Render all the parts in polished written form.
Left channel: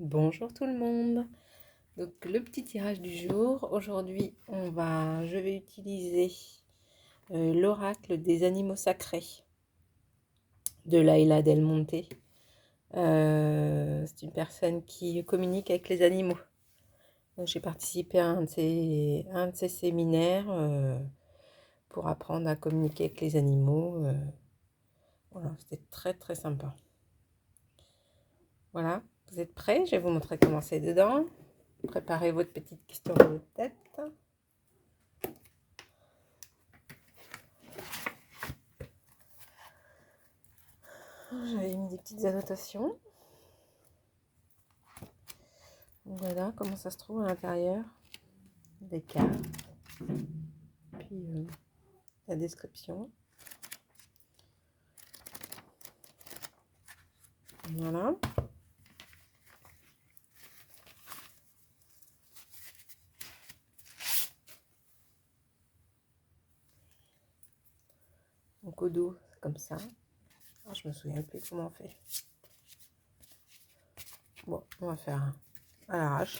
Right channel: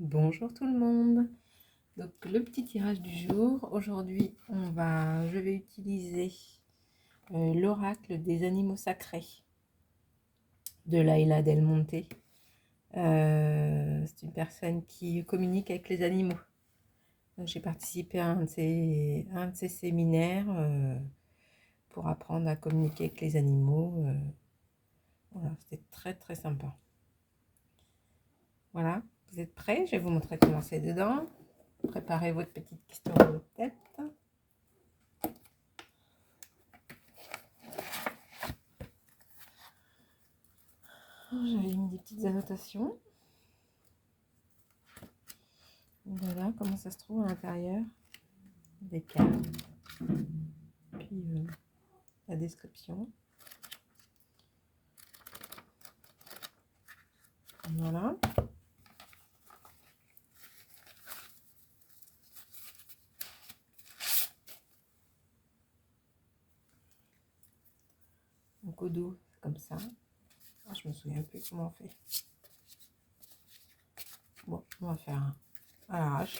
Bonjour tout le monde. Donc le petit tirage du jour. Aujourd'hui, je vais utiliser l'oracle des animaux sacrés de Laila Del Monte. C'est une personne qui communique avec les animaux. Donc j'ai participé à un de ses séminaires pour apprendre à communiquer avec les animaux. Voilà, c'était très très sympa. Voilà, vous êtes prêts? Je vais vous montrer comment c'est dedans. Préparez votre petite question de tête. J'avais mis des petites annotations. Voilà comment ça se trouve à l'intérieur. Des cartes. Puis la description. Voilà. Donc au dos, c'est comme ça. Ah, je me souviens plus comment on fait. Bon, on va faire à l'arrache.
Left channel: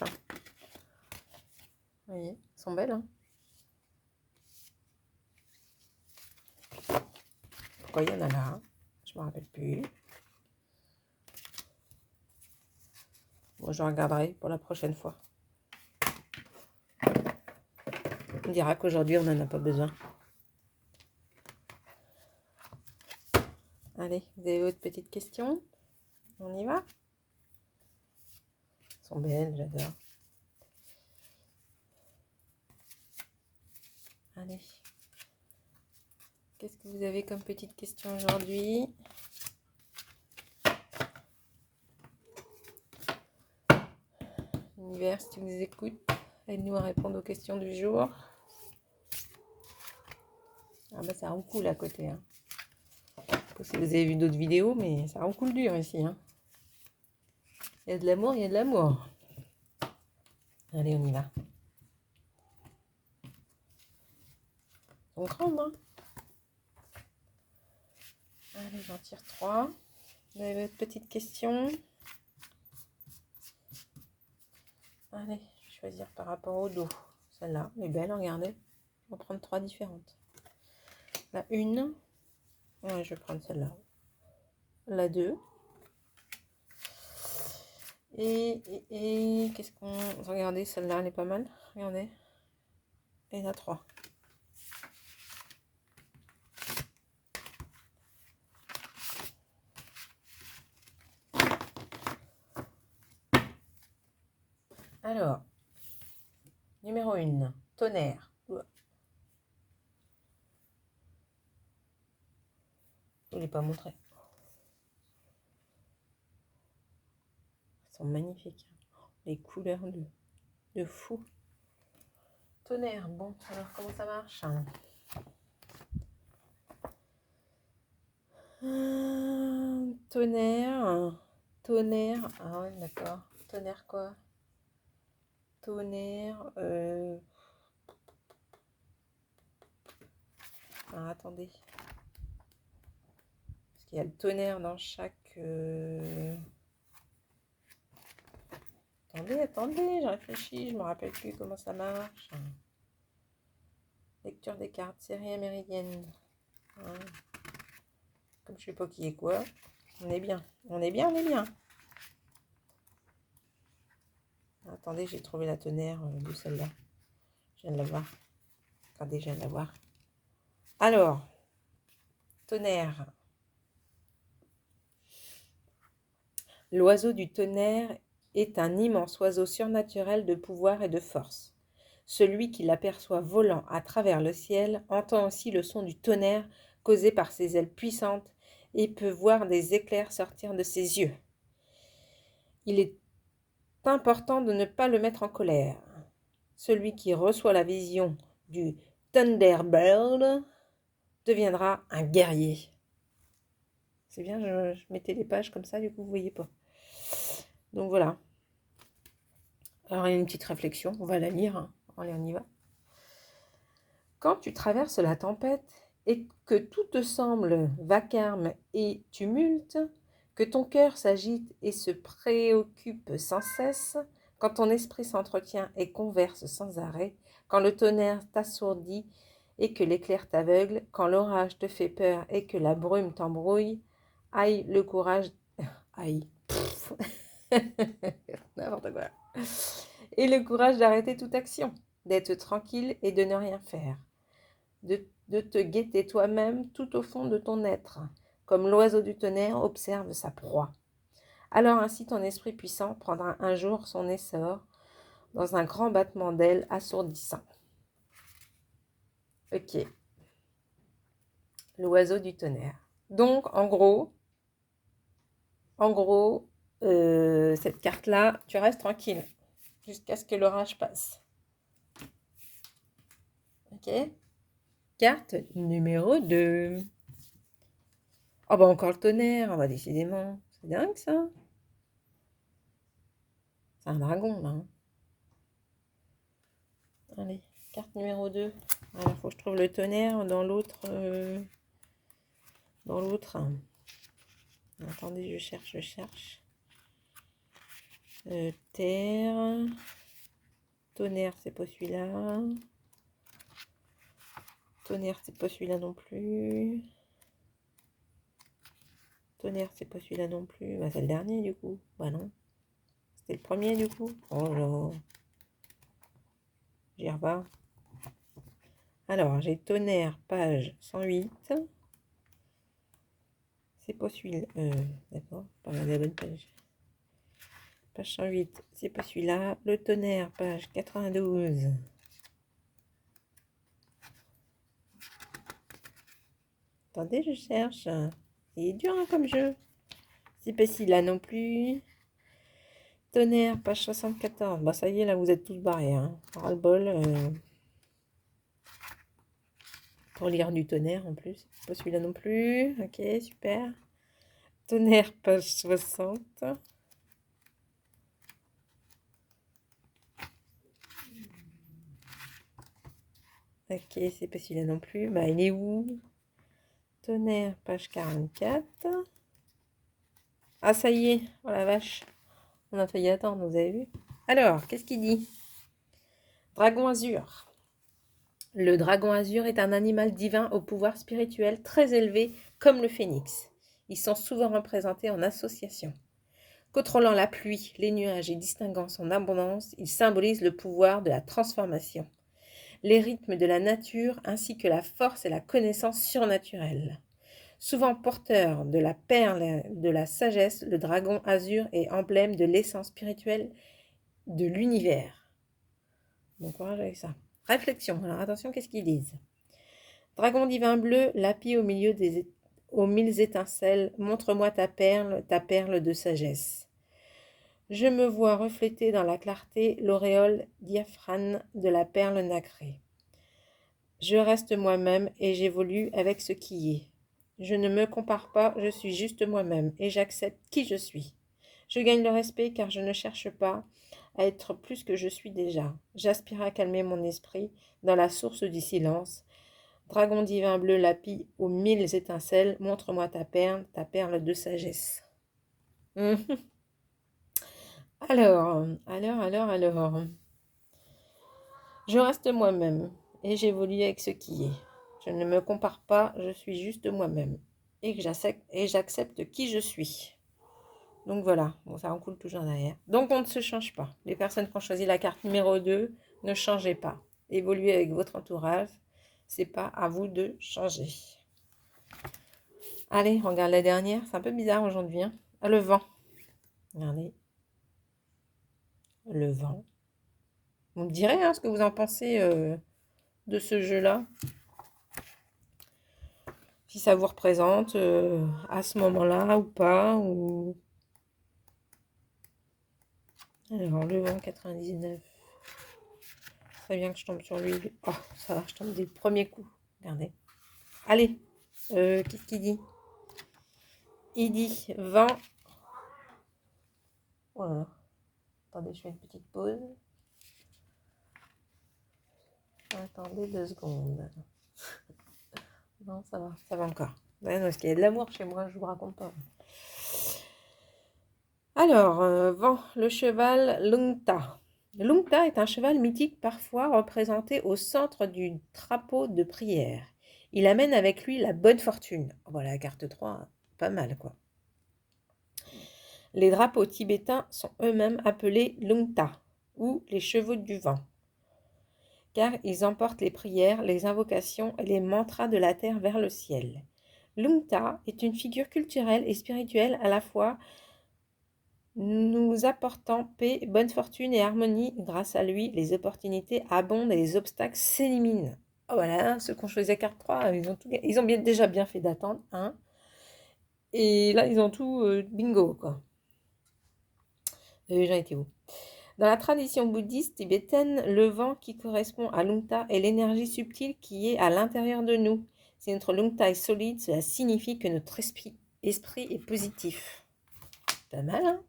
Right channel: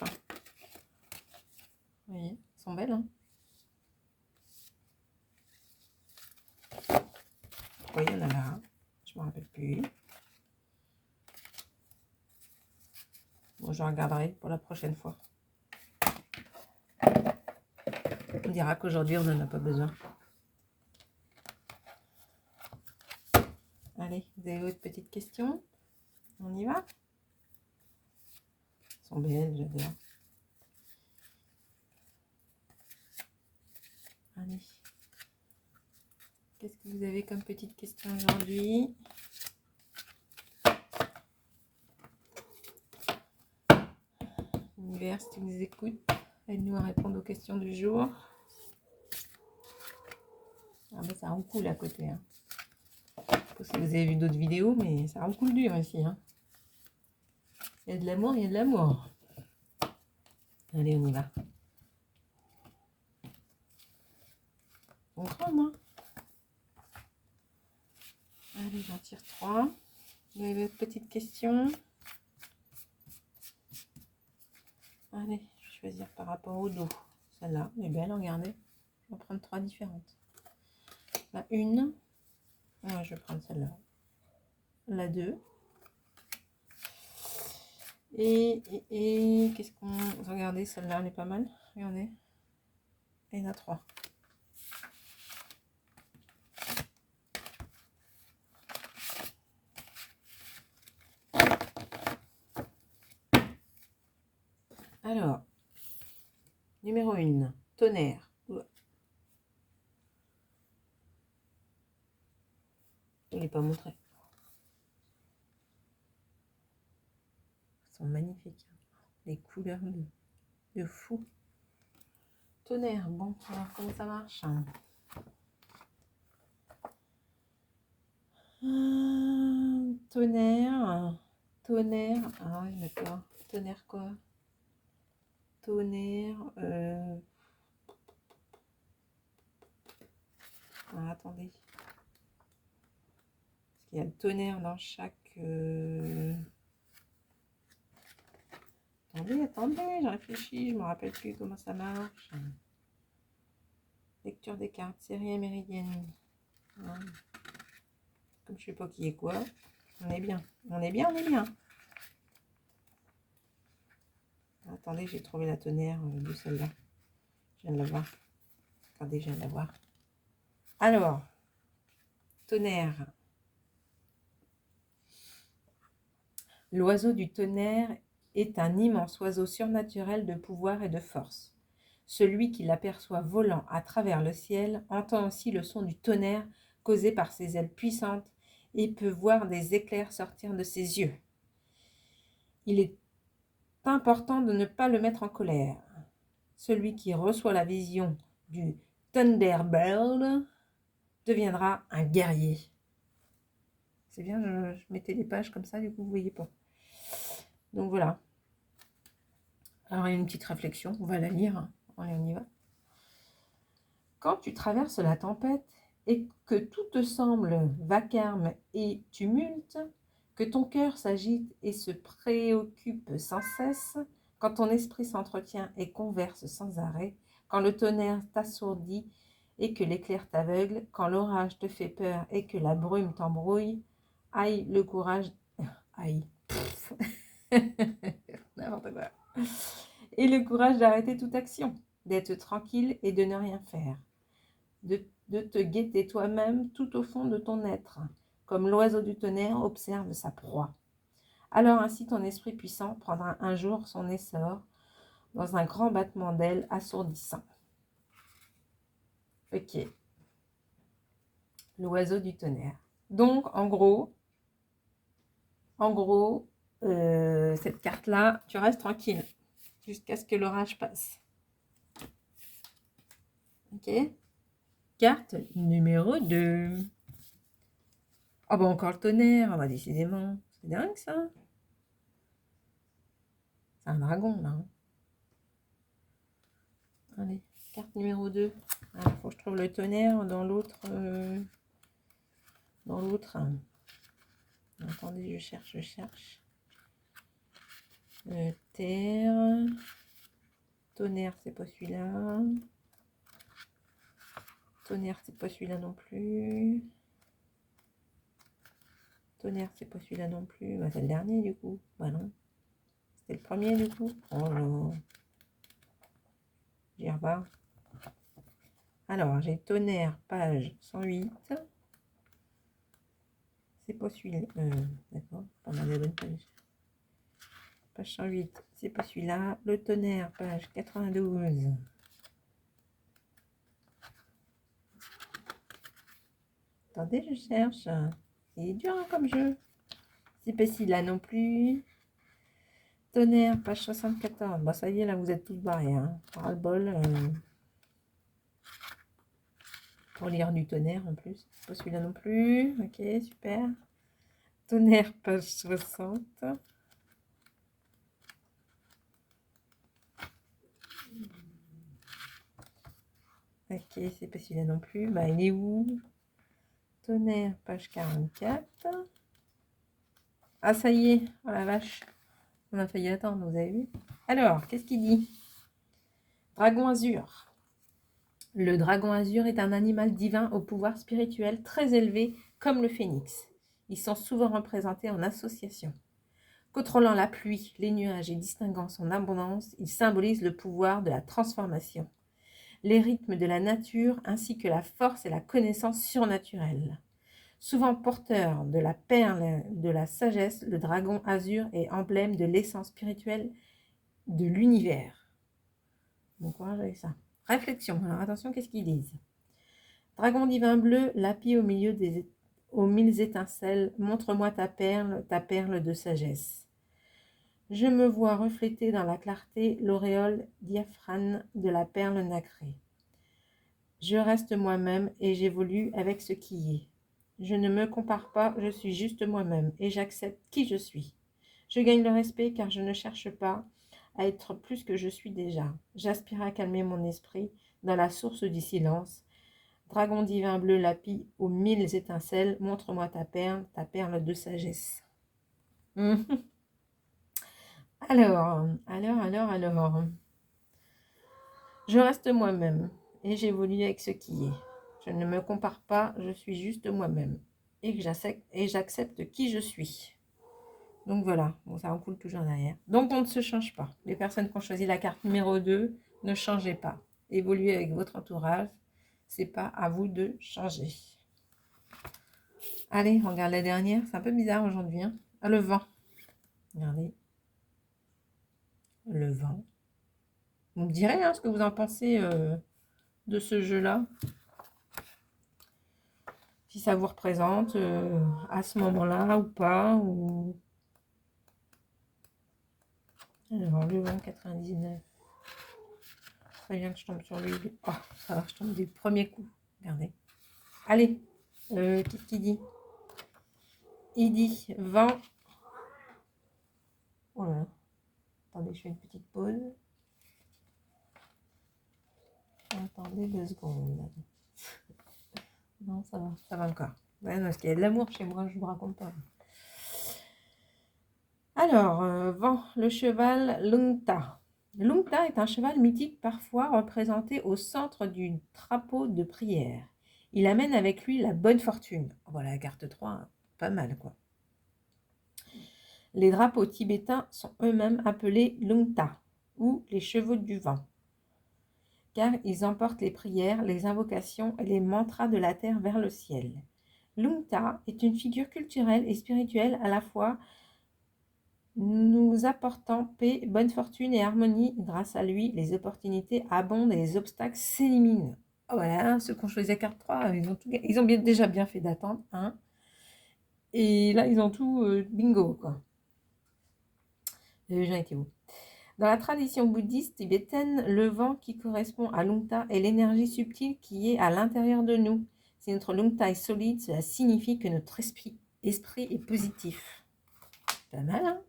Vous voyez, elles sont belles, hein. Pourquoi il y en a là? Je me rappelle plus. Bon, je regarderai pour la prochaine fois. On dira qu'aujourd'hui, on n'en a pas besoin. Allez, vous avez votre petite question? On y va? Elles sont belles, j'adore. Allez. Qu'est-ce que vous avez comme petite question aujourd'hui? L'univers, si tu nous écoutes, aide-nous à répondre aux questions du jour. Ah bah ça roucoule à côté. Hein. Je sais pas si vous avez vu d'autres vidéos, mais ça roucoule dur ici. Hein. Il y a de l'amour, il y a de l'amour. Allez, on y va. On crame, hein. Allez, j'en tire 3. Vous avez votre petite question? Allez, je vais choisir par rapport au dos. Celle-là, elle est belle, regardez. Je vais prendre 3 différentes. La 1. Ouais, je vais prendre celle-là. La 2. Et qu'est-ce qu'on... Regardez, celle-là, elle est pas mal. Regardez. Et la 3. Alors, numéro 1, tonnerre. Oula. Je ne l'ai pas montré. Elles sont magnifiques. Les couleurs de fou. Tonnerre, bon, alors comment ça marche? Tonnerre, ah ouais, d'accord. Tonnerre quoi? Tonnerre, ah, attendez. Parce qu'il y a le tonnerre dans chaque... Attendez, je réfléchis, je me rappelle plus comment ça marche. Lecture des cartes, série méridienne. Ouais. Comme je sais pas qui est quoi, on est bien. On est bien, on est bien. Attendez, j'ai trouvé la tonnerre de celle-là. Je viens de la voir. Regardez, je viens de la voir. Alors, tonnerre. L'oiseau du tonnerre est un immense oiseau surnaturel de pouvoir et de force. Celui qui l'aperçoit volant à travers le ciel entend aussi le son du tonnerre causé par ses ailes puissantes et peut voir des éclairs sortir de ses yeux. Il est important de ne pas le mettre en colère. Celui qui reçoit la vision du Thunderbird deviendra un guerrier. C'est bien, je mettais les pages comme ça, du coup vous ne voyez pas. Donc voilà. Alors il y a une petite réflexion, on va la lire. Hein. Allez, on y va. Quand tu traverses la tempête et que tout te semble vacarme et tumulte, Que ton cœur s'agite et se préoccupe sans cesse, quand ton esprit s'entretient et converse sans arrêt, quand le tonnerre t'assourdit et que l'éclair t'aveugle, quand l'orage te fait peur et que la brume t'embrouille, aïe le courage... Aïe. N'importe quoi. Et le courage d'arrêter toute action, d'être tranquille et de ne rien faire. De te guetter toi-même tout au fond de ton être, comme l'oiseau du tonnerre observe sa proie. Alors ainsi ton esprit puissant prendra un jour son essor dans un grand battement d'ailes assourdissant. Ok, l'oiseau du tonnerre. Donc en gros, cette carte-là, tu restes tranquille jusqu'à ce que l'orage passe. Ok. Carte numéro 2. Ah bah encore le tonnerre, ah bah décidément. C'est dingue ça. C'est un dragon là. Allez, carte numéro 2. Alors, il faut que je trouve le tonnerre dans l'autre. Attendez, je cherche. Terre. Tonnerre, c'est pas celui-là. Tonnerre, c'est pas celui-là non plus. Tonnerre, c'est pas celui-là non plus. Bah, c'est le dernier du coup. Bah non. C'était le premier du coup. Oh là. J'y revois. Alors, j'ai tonnerre, page 108. C'est pas celui-là. D'accord, pas la bonne page. Page 108, c'est pas celui-là. Le tonnerre, page 92. Attendez, je cherche. Il est dur hein, comme jeu. C'est pas celui-là non plus. Tonnerre, page 74. Bah ça y est, là, vous êtes tous barrés. Hein. Ras-le-bol. Pour lire du tonnerre en plus. C'est pas celui-là non plus. Ok, super. Tonnerre, page 60. Ok, c'est pas celui-là non plus. Bah, il est où? Tonnerre, page 44. Ah, ça y est. Oh la vache. On a failli attendre, vous avez vu? Alors, qu'est-ce qu'il dit? Dragon azur. Le dragon azur est un animal divin au pouvoir spirituel très élevé, comme le phénix. Ils sont souvent représentés en association. Contrôlant la pluie, les nuages et distinguant son abondance, il symbolise le pouvoir de la transformation, les rythmes de la nature ainsi que la force et la connaissance surnaturelle. Souvent porteur de la perle de la sagesse, le dragon azur est emblème de l'essence spirituelle de l'univers. Bon courage avec ça. Réflexion. Alors attention, qu'est-ce qu'ils disent? Dragon divin bleu, lapis aux mille étincelles, montre-moi ta perle de sagesse. Je me vois refléter dans la clarté l'auréole diaphane de la perle nacrée. Je reste moi-même et j'évolue avec ce qui est. Je ne me compare pas, je suis juste moi-même et j'accepte qui je suis. Je gagne le respect car je ne cherche pas à être plus que je suis déjà. J'aspire à calmer mon esprit dans la source du silence. Dragon divin bleu lapis aux mille étincelles, montre-moi ta perle de sagesse. Alors. Je reste moi-même et j'évolue avec ce qui est. Je ne me compare pas, je suis juste moi-même et j'accepte qui je suis. Donc voilà, bon, ça en coule toujours derrière. Donc on ne se change pas. Les personnes qui ont choisi la carte numéro 2, ne changez pas. Évoluez avec votre entourage. C'est pas à vous de changer. Allez, on regarde la dernière. C'est un peu bizarre aujourd'hui. Hein. Ah, le vent. Regardez. Le vent. Vous me direz hein, ce que vous en pensez de ce jeu-là. Si ça vous représente à ce moment-là ou pas. Ou... Alors, le vent 99. Très bien que je tombe sur lui. Oh, ça va, je tombe des premiers coups. Regardez. Allez, qu'est-ce qu'il dit? Il dit vent. Voilà. Attendez, je fais une petite pause. Attendez 2 secondes. Non, ça va encore. Ouais, parce qu'il y a de l'amour chez moi, je vous raconte pas. Alors, vent, le cheval Lungta. Lungta est un cheval mythique parfois représenté au centre du drapeau de prière. Il amène avec lui la bonne fortune. Voilà, la carte 3, hein, pas mal quoi. Les drapeaux tibétains sont eux-mêmes appelés Lungta ou les chevaux du vent, car ils emportent les prières, les invocations et les mantras de la terre vers le ciel. Lungta est une figure culturelle et spirituelle à la fois, nous apportant paix, bonne fortune et harmonie. Grâce à lui, les opportunités abondent et les obstacles s'éliminent. Oh, voilà, ceux qui ont choisi la carte 3, ils ont déjà bien fait d'attendre. Hein. Et là, ils ont tout bingo, quoi. J'en étais où? Dans la tradition bouddhiste tibétaine, le vent qui correspond à Lungta est l'énergie subtile qui est à l'intérieur de nous. Si notre Lungta est solide, cela signifie que notre esprit est positif. Pas mal, hein?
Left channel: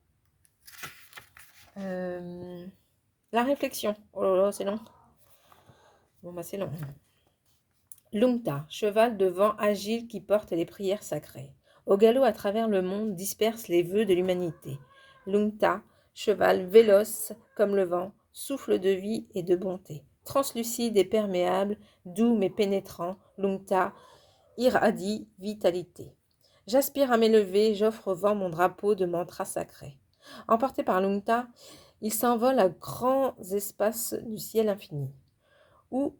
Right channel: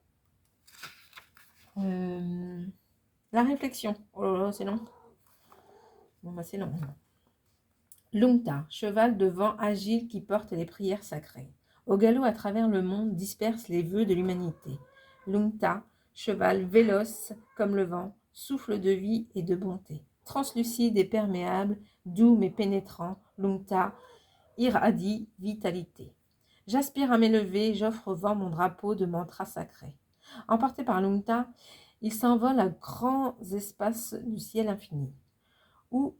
La réflexion. Oh là là, c'est long. Bon, bah c'est long. Lungta, cheval de vent agile qui porte les prières sacrées. Au galop à travers le monde disperse les vœux de l'humanité. Lungta, cheval véloce comme le vent, souffle de vie et de bonté. Translucide et perméable, doux mais pénétrant, Lungta irradie vitalité. J'aspire à m'élever, j'offre au vent mon drapeau de mantra sacré. Emporté par Lungta, il s'envole à grands espaces du ciel infini, où,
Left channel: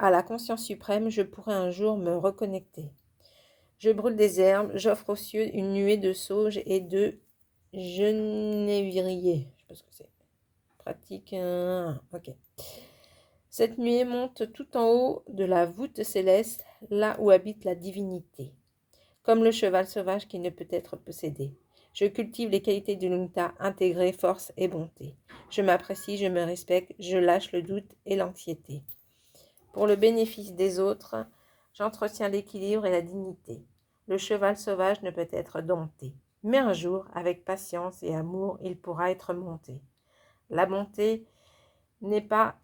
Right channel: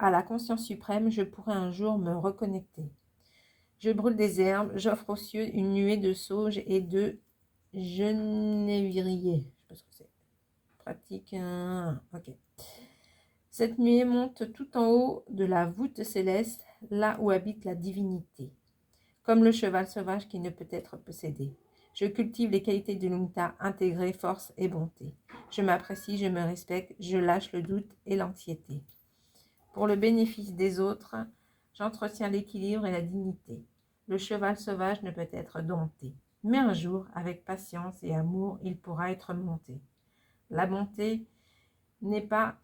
à la conscience suprême, je pourrai un jour me reconnecter. Je brûle des herbes, j'offre aux cieux une nuée de sauge et de genévrier. Je sais pas ce que c'est. Pratique. Ok. Cette nuée monte tout en haut de la voûte céleste, là où habite la divinité. Comme le cheval sauvage qui ne peut être possédé. Je cultive les qualités du Lungta, intégrée, force et bonté. Je m'apprécie, je me respecte, je lâche le doute et l'anxiété. Pour le bénéfice des autres, j'entretiens l'équilibre et la dignité. Le cheval sauvage ne peut être dompté, mais un jour, avec patience et amour, il pourra être monté. La bonté n'est pas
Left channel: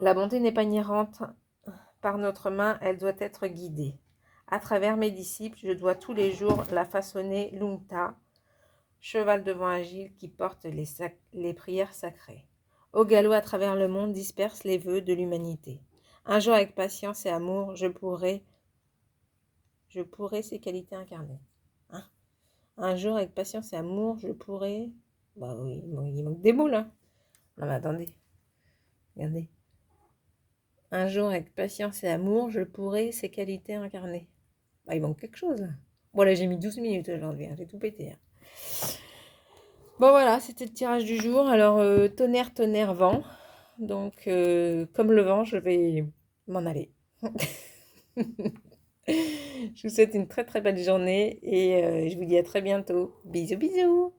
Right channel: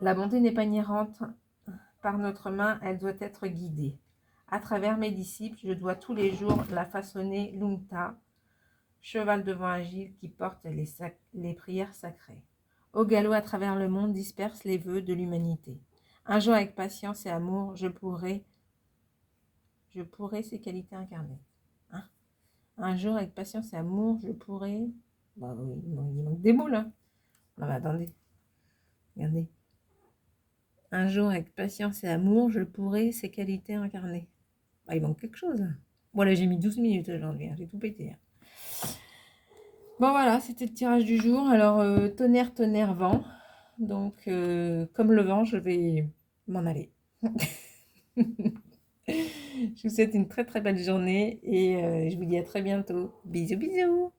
inhérente par notre main, elle doit être guidée. À travers mes disciples, je dois tous les jours la façonner Lungta, cheval de vent agile qui porte les prières sacrées. Au galop à travers le monde disperse les vœux de l'humanité. Un jour avec patience et amour, je pourrai ces qualités incarnées. Hein? Un jour avec patience et amour, je pourrai... Bah oui, il manque des mots là. Non mais attendez. Regardez. Un jour avec patience et amour, je pourrai ces qualités incarnées. Bah, il manque quelque chose là. Bon là j'ai mis 12 minutes aujourd'hui, hein, j'ai tout pété. Hein. Bon voilà, c'était le tirage du jour. Alors tonnerre, tonnerre, vent. Donc comme le vent, je vais m'en aller. Je vous souhaite une très très belle journée et je vous dis à très bientôt. Bisous bisous.